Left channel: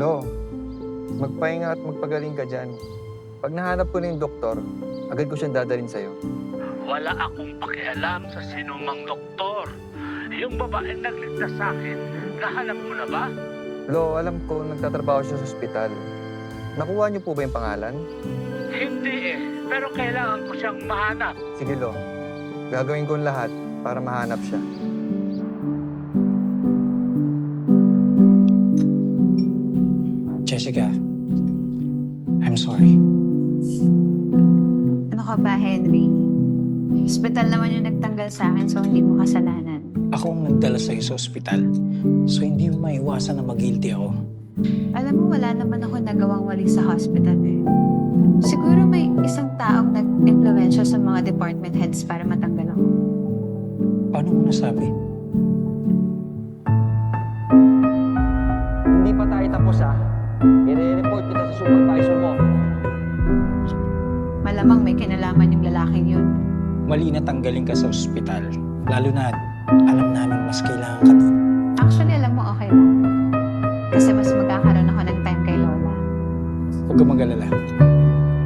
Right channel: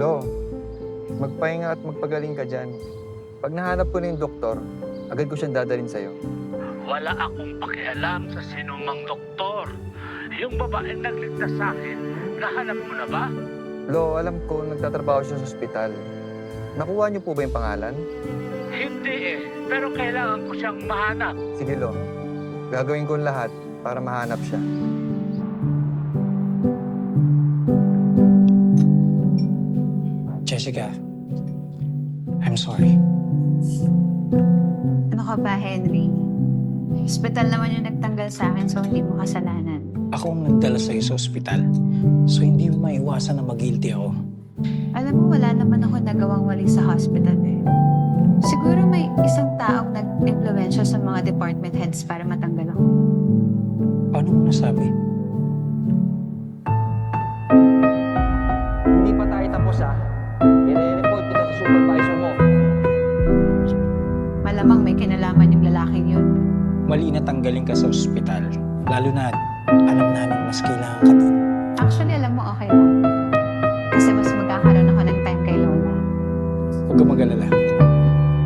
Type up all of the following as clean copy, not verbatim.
Lo, magpahinga at magpagaling ka dyan. Pag nahanap ko na yung doktor, agad ko siyang dadalhin sa'yo. Wala akong pakialam sa sinumang doktor. Yung babaeng nagligtas sa akin, nahanap mo na ba? Lo, alam ko nagtatrabaho siya sa ospital. Nakuha niyo po ba yung pangalan? Hindi pero kailangan ko siyang mahanap. Sige, Lo. Gagawin ko ang lahat para mahanap siya. Jessica, I'm sorry. Ano ka ba, Henry? Hospital naman yung nagtanggal sa akin, so hindi mo kasalanan. Ako ang nagdala sa'yo sa ospital. So hindi mo maiwasan na mag-guilty ako. Alam mo, wala naman ako nagawang wali sa hospital eh. Siguro may isang taong nag-impluwensya sa mga department heads para matanggal ako. Paano mo nasabi? Hindi pa tayo tapos I-report kita sa supervisor mo. Malamang may kinalaman yung lalaking yun. Mali na tanggalin ka sa ospital. Lalo na alam namin mas kailangan ka doon. Actually, alam mo, okay lang. Kasi mas magkakaroon ako ng time kay Lola. Huwag ka mag-alala.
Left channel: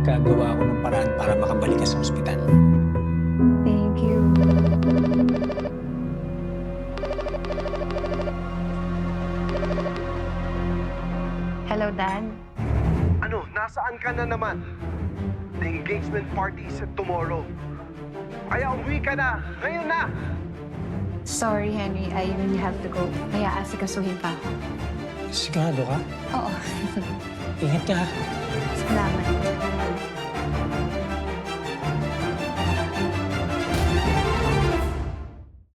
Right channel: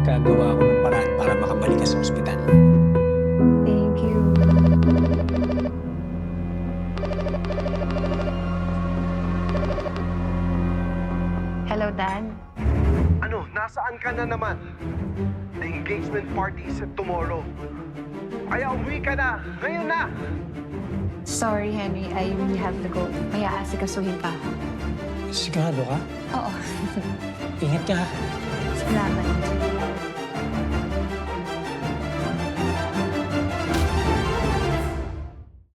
Gagawa ako ng paraan para makabalik ka sa ospital. Thank you. Hello, Dad. Ano, nasaan ka na naman? The engagement party is tomorrow. Kaya umuwi ka na. Ngayon na! Sorry, Henry. I really have to go. May aasikasuhin pa ako. Sigurado ka? Oo. Ingat ka ha. Salamat.